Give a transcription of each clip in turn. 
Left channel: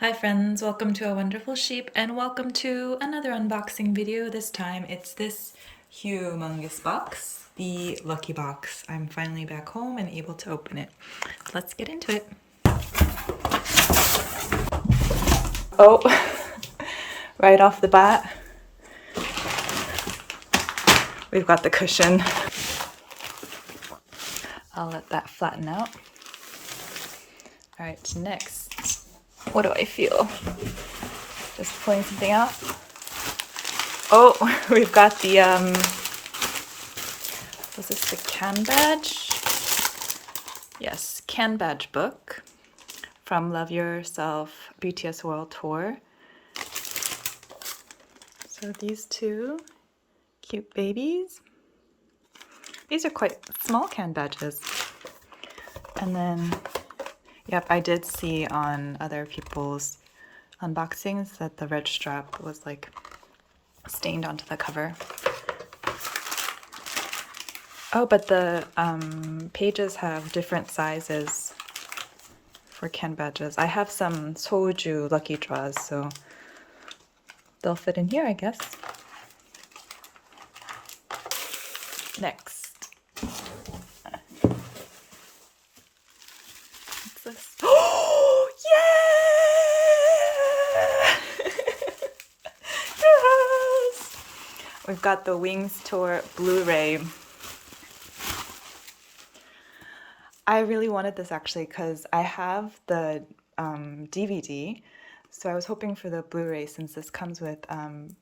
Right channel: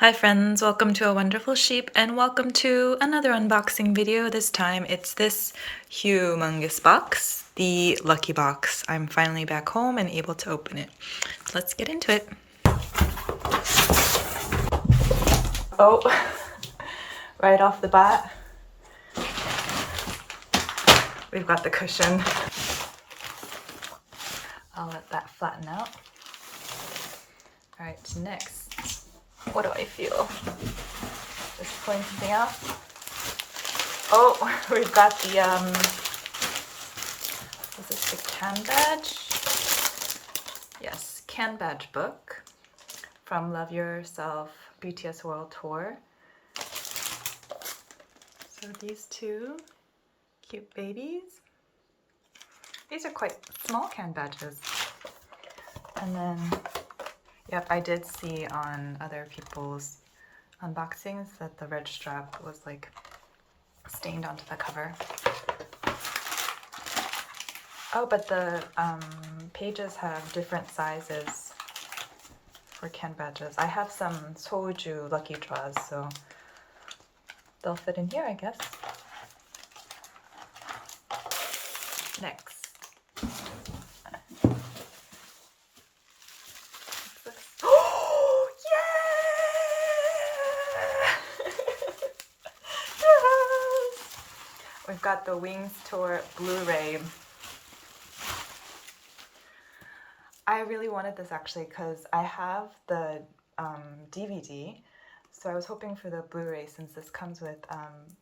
Hi friends, welcome to A Wonderful Sheep and welcome to another unboxing video. This time it's this humongous box, the Lucky Box. I'm finally back home and able to open it. Let's get into it. Oh, right off the bat, we've got the cushion. I'll let that flatten out. All right, next. What do I feel? Just pulling something out. Oh, we've got the, was this the can badge? Yes, can badge book from Love Yourself BTS World Tour. So these two cute babies. These are quite small can badges. And then, yep, I did see on other people's unboxings that the red strap was like stained onto the cover. Oh, but the pages have different sizes for can badges. I have some soju lucky draws, so they'll fit in here, I guess. Next. What's this? Oh, yeah! Yes! We've got the Wings Tour Blu-ray. I really wanted this actually because I have the DVD, so I was hoping for the Blu-ray since this comes with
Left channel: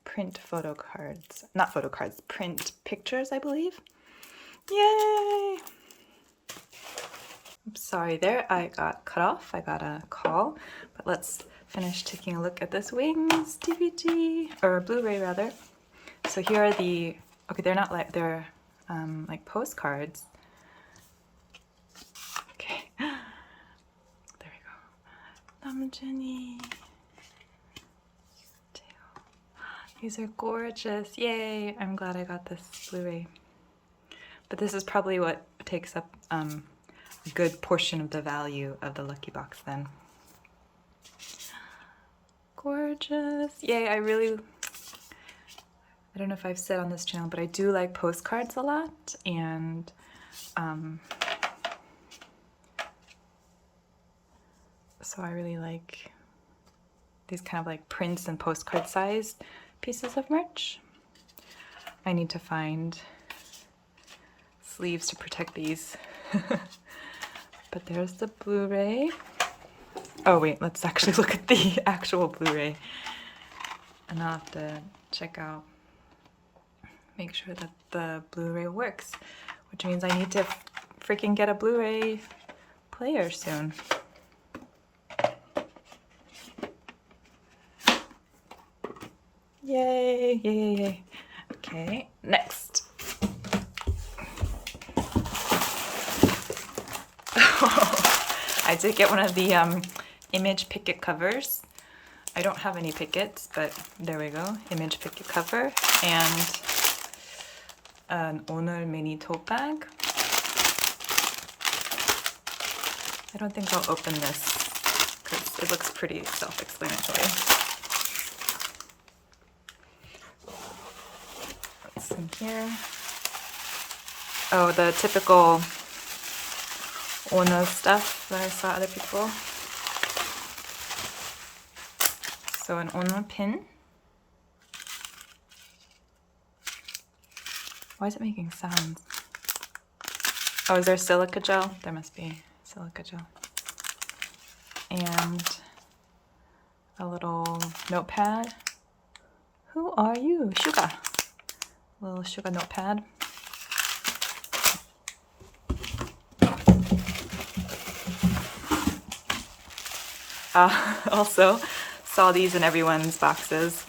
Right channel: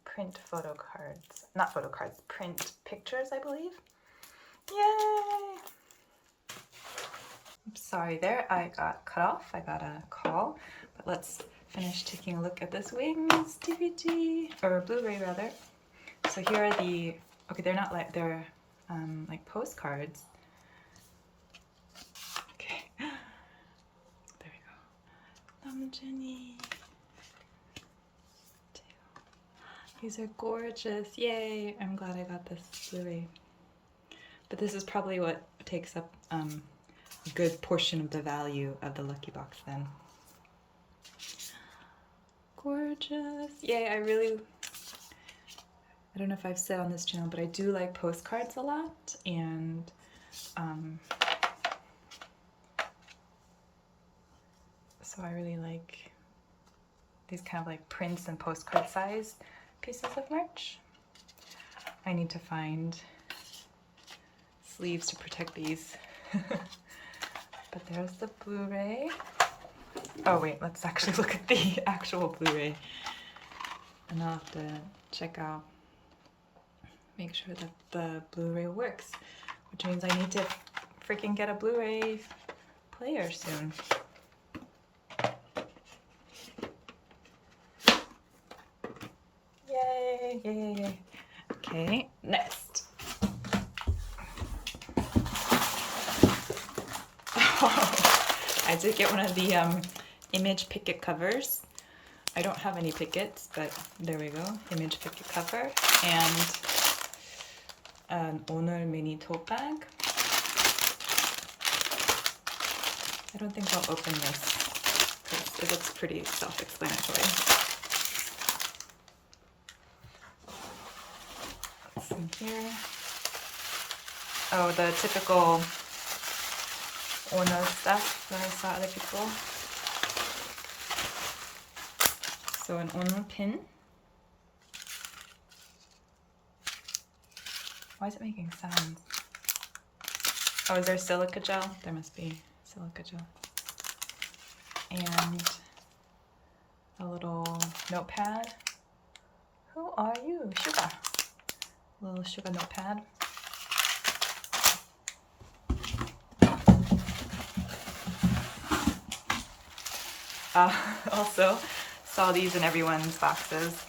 print photo cards. Not photo cards, print pictures, I believe. Yay! I'm sorry there, I got cut off. I got a call, but let's finish taking a look at this Wings DVD, or Blu-ray rather. So here are the, okay, they're not like, they're like postcards. Okay, there we go. 남준이. These are gorgeous. Yay! I'm glad I got this Blu-ray. But this is probably what takes up a good portion of the value of the Lucky Box then. Gorgeous. Yay, I don't know if I've said on this channel, but I do like postcards a lot, and so I really like these kind of like prints and postcard sized pieces of merch. I need to find sleeves to protect these. But there's the Blu-ray. Oh wait, let's actually look at the actual Blu-ray. And I'll have to check out, make sure that the Blu-ray works, which means I need to freaking get a Blu-ray player soon. Yay, yay, yay, yay. Okay, next. I did get one of the image picket covers. I don't have any pickets, but there we go. Image picket cover and an 오늘 mini tote bag. I don't think I'll open this because it looks pretty self-explanatory. What's in here? Oh, the typical 오늘 stuff that I saw other people. So an 오늘 pin. Why is it making sounds? Oh, is there silica gel? There must be silica gel. And a little notepad. Who are you? Sugar. A little sugar notepad. Also saw these in everyone's boxes.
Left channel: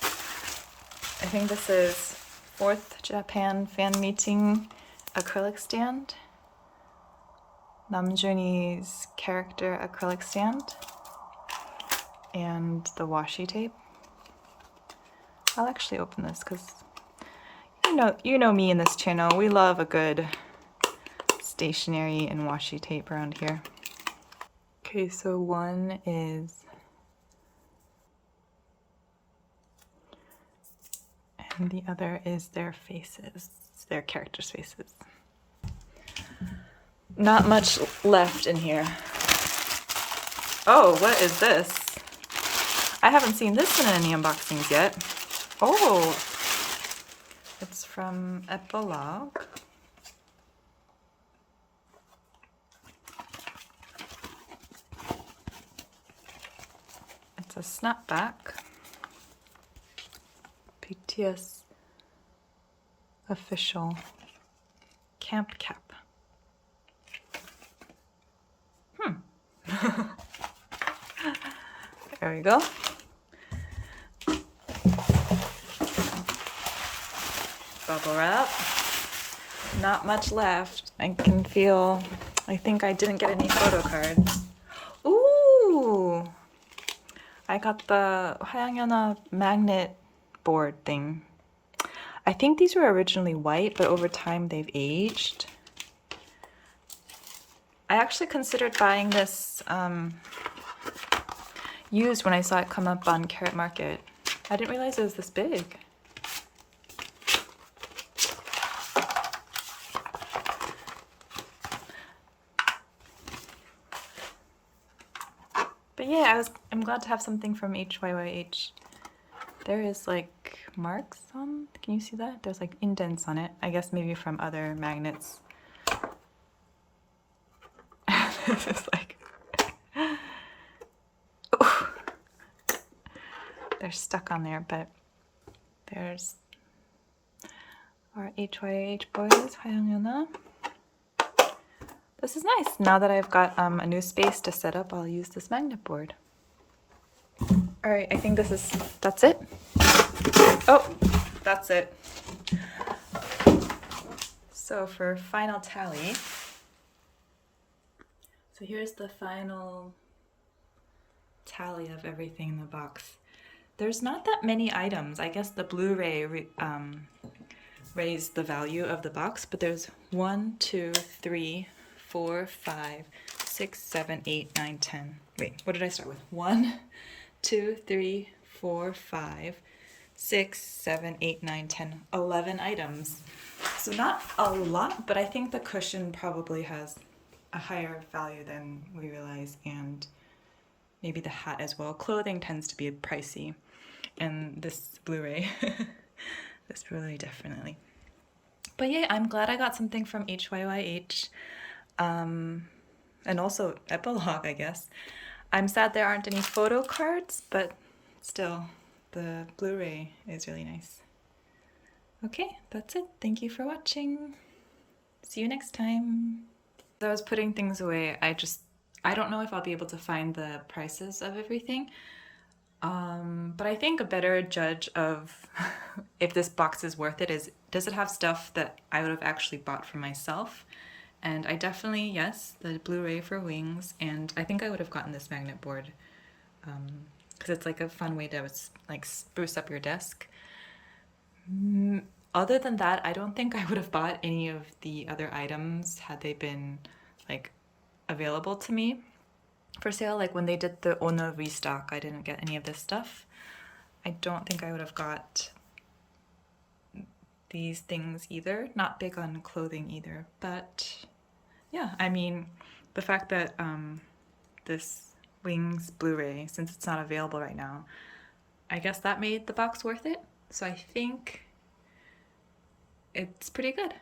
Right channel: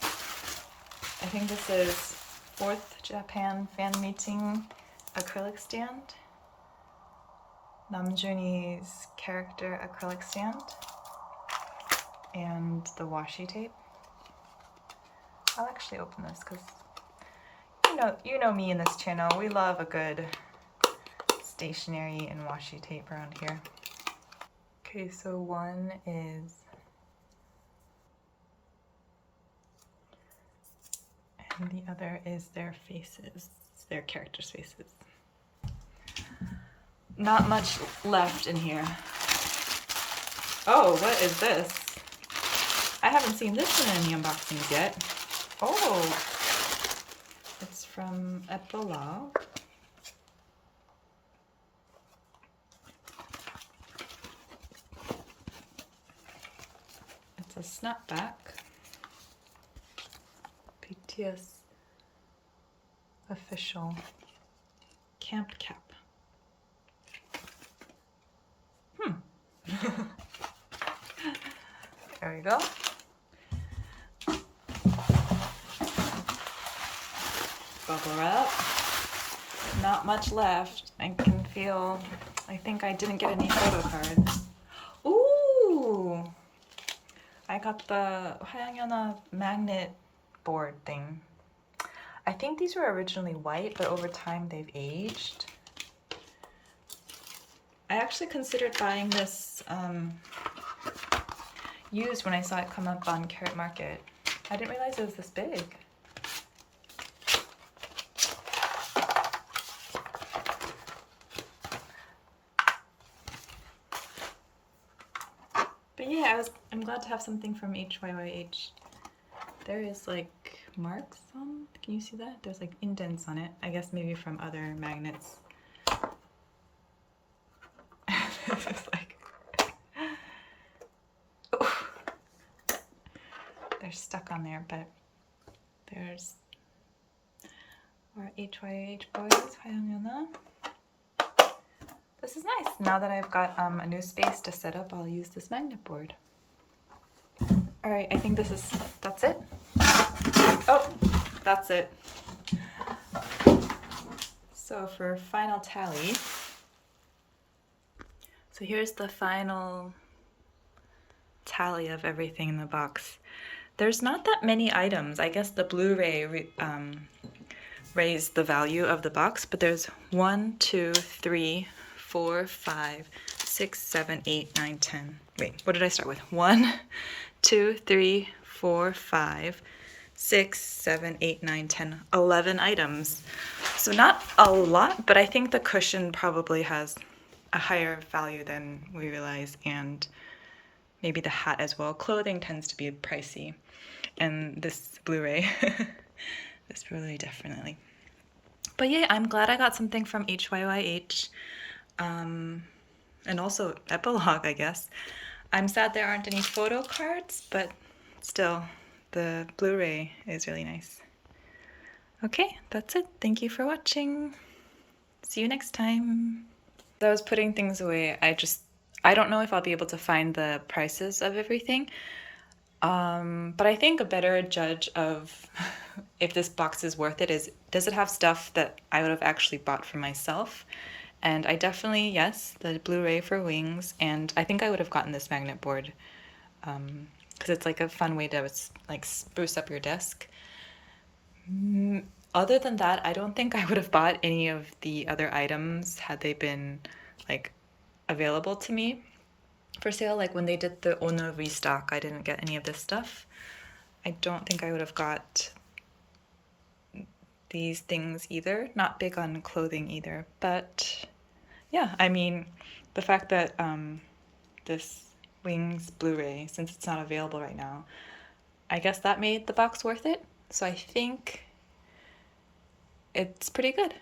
I think this is 4th Japan fan meeting acrylic stand. Namjoon's character acrylic stand. And the washi tape. I'll actually open this because you know me in this channel. We love a good stationery and washi tape around here. Okay, so one is And the other is their faces, their characters' faces. Not much left in here. Oh, what is this? I haven't seen this in any unboxings yet. Oh, it's from Bluray. It's a snapback. BTS official camp cap. There we go. Bubble wrap. Not much left. I can feel, I think I didn't get any photo cards. Ooh! I got the 화양연화 magnet board thing. I think these were originally white, but over time they've aged. I actually considered buying this used when I saw it come up on Carrot Market. I didn't realize it was this big. But yeah, I'm glad to have something from HYYH. There is like marks on, can you see that? There's like indents on it. I guess maybe from other magnets. This is like, ooh. They're stuck on there, but there's our HYH boys. 화양연화. This is nice. Now that I've got a new space to set up, I'll use this magnet board. All right, I think that's it. Oh, that's it. So for final tally, so here's the final tally of everything in the box. There's not that many items. I guess the Blu-ray raised the value of the box, but there's 1, 2, 3, 4, 5, 6, 7, 8, 9, 10. Wait, what did I start with? 1, 2, 3, 4, 5, 6, 7, 8, 9, 10, 11 items. So not a lot, but I think the cushion probably has a higher value than we realize, and maybe the hat as well. Clothing tends to be pricey, and this Blu-ray, this Blu-ray definitely. But yeah, I'm glad I got something from HYYH, and also Epilogue, I guess. I'm sad there aren't any photo cards, but still, the Blu-ray is really nice. Okay, that's it. Thank you for watching. See you next time. As I was putting things away, I don't know if I'll be able to find the prices of everything. But I think a better judge of if this box is worth it is, does it have stuff that I would have actually bought for myself? And I definitely, yes, the Blu-ray for Wings, and I think I would have gotten this magnet board because it's like a fun way to like spruce up your desk. Other than that, I don't think I would have bought any of the other items had they been like available to me for sale. Like when they did the Ono restock, I didn't get any of this stuff. I don't think I would have got these things either. Not big on clothing either, but yeah, I mean, the fact that this Wings Blu-ray, since it's not available right now, I guess that made the box worth it. So I think it's pretty good.